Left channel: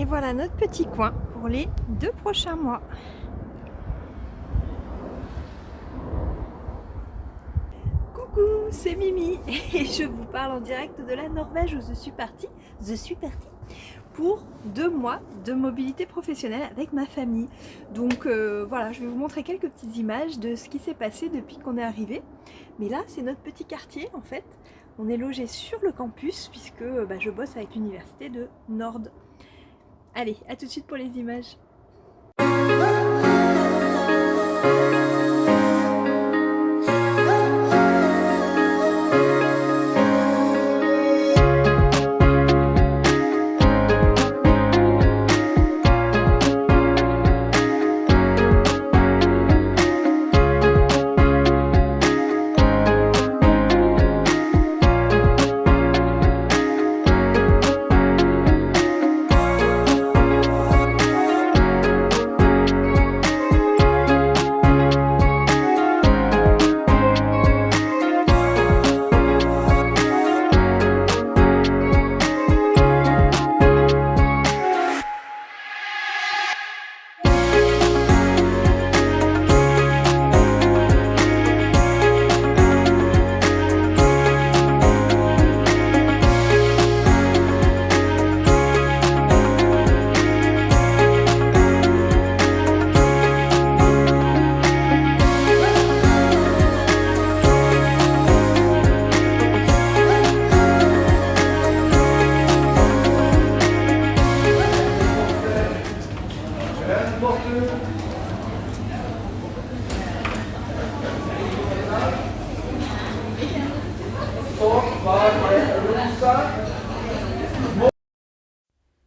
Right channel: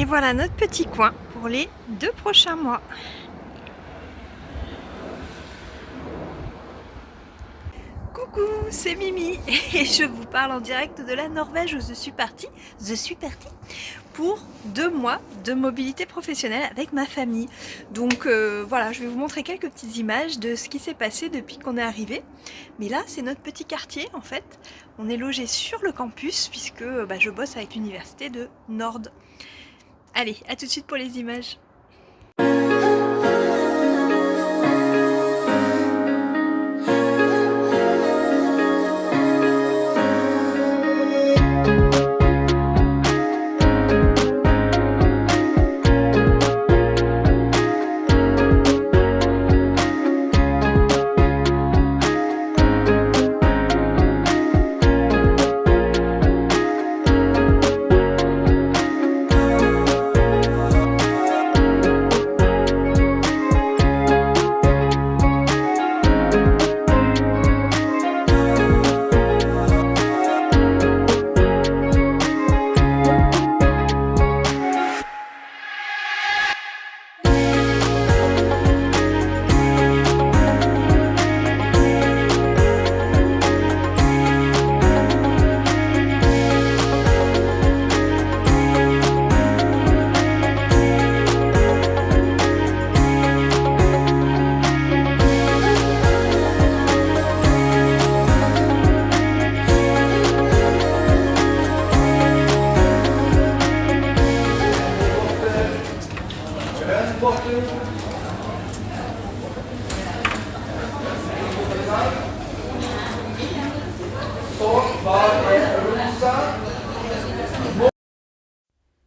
Et voilà notre petit coin pour les 2 prochains mois. Coucou, c'est Mimi et je vous parle en direct de la Norvège où je suis partie pour 2 mois de mobilité professionnelle avec ma famille. Donc voilà, je vais vous montrer quelques petites images de ce qui s'est passé depuis qu'on est arrivé. Mais là, c'est notre petit quartier en fait. On est logé sur le campus puisque je bosse avec l'université de Nord. Allez, à tout de suite pour les images.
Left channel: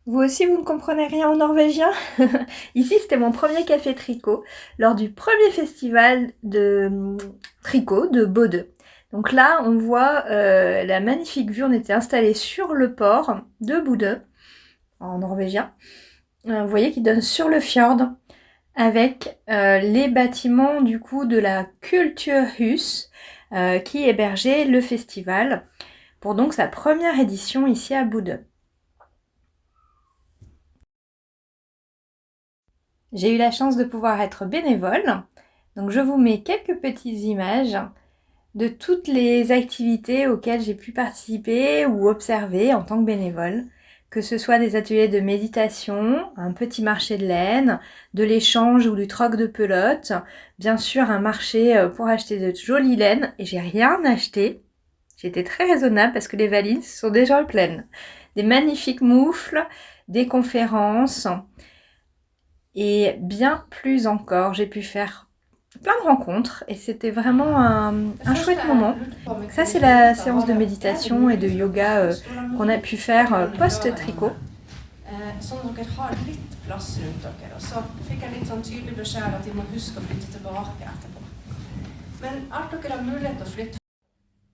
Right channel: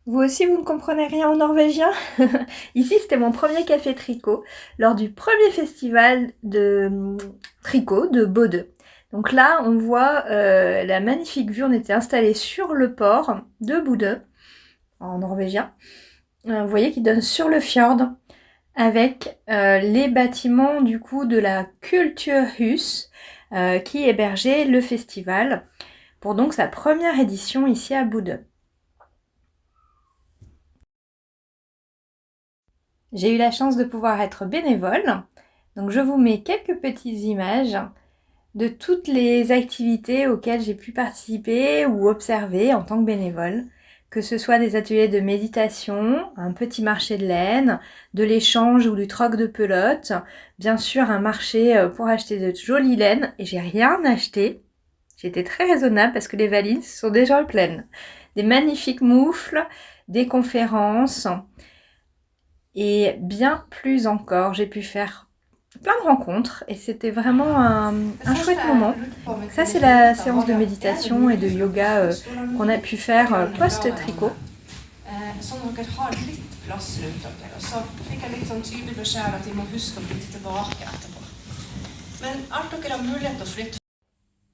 Vous aussi, vous ne comprenez rien en norvégien? Ici, c'était mon premier café tricot lors du premier festival de tricot de Bodø. Donc là, on voit la magnifique vue. On était installés sur le port de Bodø, en norvégien. Vous voyez qu'il donne sur le fjord avec les bâtiments du coup de la Kulturhus qui hébergeait le festival pour donc sa première édition ici à Bodø. J'ai eu la chance de pouvoir être bénévole, donc je vous mets quelques petites images de toutes les activités auxquelles j'ai pu participer ou observer en tant que bénévole, que ce soit des ateliers de méditation, un petit marché de laine, de l'échange ou du troc de pelote, bien sûr un marché pour acheter de jolies laines, et j'ai rien acheté. J'étais très raisonnable parce que les valises sont déjà pleines. Des magnifiques moufles, des conférences, et bien plus encore, j'ai pu faire plein de rencontres et c'était vraiment un chouette moment. Ça, c'est la séance de méditation et de yoga qu'on a pu faire post-tricot.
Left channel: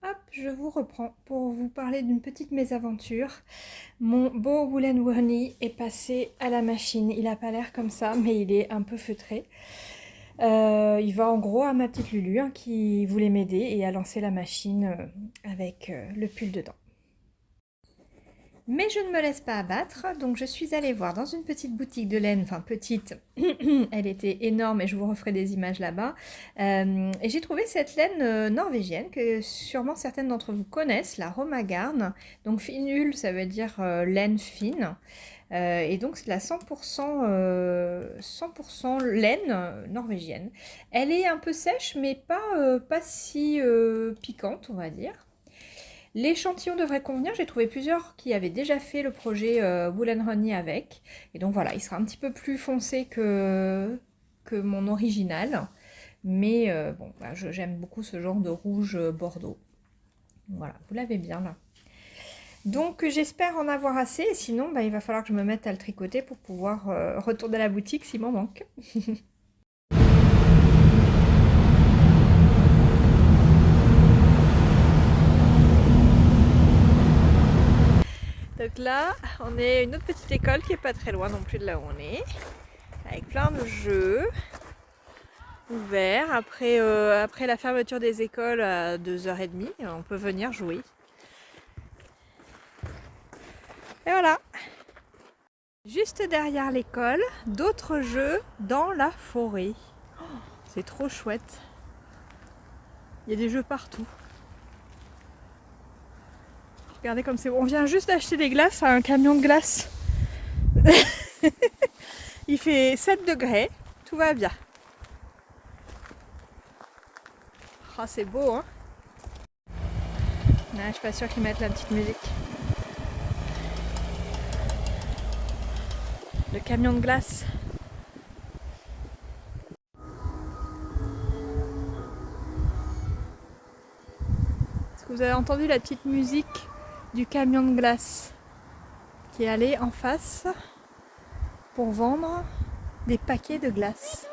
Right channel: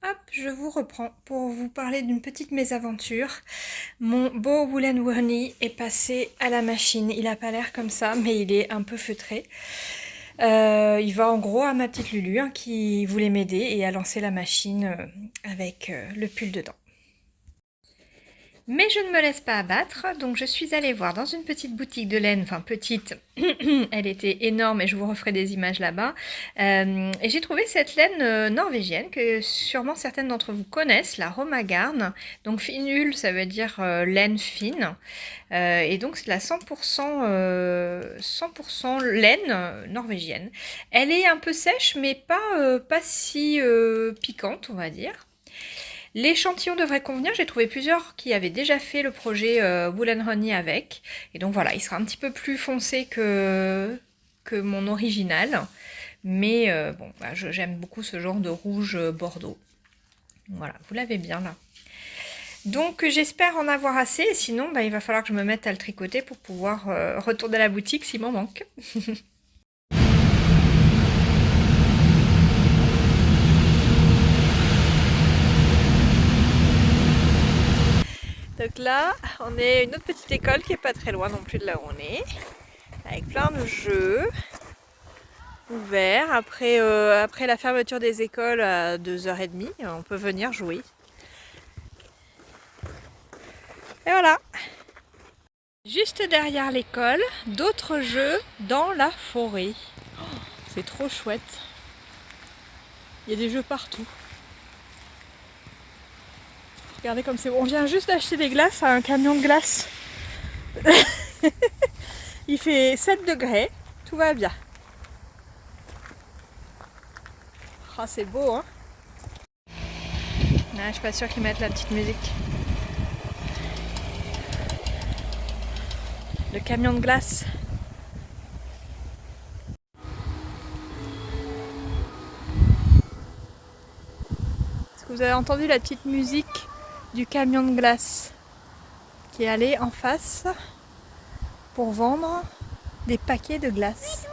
Hop, je vous reprends pour vous parler d'une petite mésaventure. Mon beau Woolen Wurnie est passé à la machine. Il n'a pas l'air comme ça, mais il est un peu feutré. Il va en gros à ma petite Lulu hein, qui voulait m'aider et a lancé la machine avec le pull dedans. Mais je ne me laisse pas abattre, donc je suis allée voir dans une petite boutique de laine, enfin petite, elle était énorme et je vous referai des images là-bas. Et j'ai trouvé cette laine norvégienne que sûrement certaines d'entre vous connaissent, la Romagarn. Donc finule, ça veut dire laine fine. Et donc c'est la 100% laine norvégienne. Elle est un peu sèche, mais pas si piquante, on va dire. L'échantillon devrait convenir, j'ai trouvé plusieurs qui avaient déjà fait le projet Woolen Honey avec. Et donc voilà, il sera un petit peu plus foncé que mon original. Mais bon, bah, j'aime beaucoup ce genre de rouge bordeaux. Voilà, vous l'avez bien là. Donc j'espère en avoir assez, sinon bah, il va falloir que je me mette à le tricoter pour pouvoir retourner à la boutique s'il m'en manque. Donc là, on est à une autre petite école qui est pas très loin non plus de là où on est, avec plein de jeux ouverts. Après la fermeture des écoles à 2h30, on peut venir jouer. Et voilà. Juste derrière l'école, d'autres jeux dans la forêt. Oh, c'est trop chouette. Il y a des jeux partout. Regardez comme c'est beau. On vient juste d'acheter des glaces à un camion de glace. Il fait 7 degrés, tout va bien. Oh, c'est beau, hein? Ouais, je suis pas sûre qu'ils mettent la petite musique. Le camion de glace. Est-ce que vous avez entendu la petite musique du camion de glace qui est allé en face pour vendre des paquets de glace?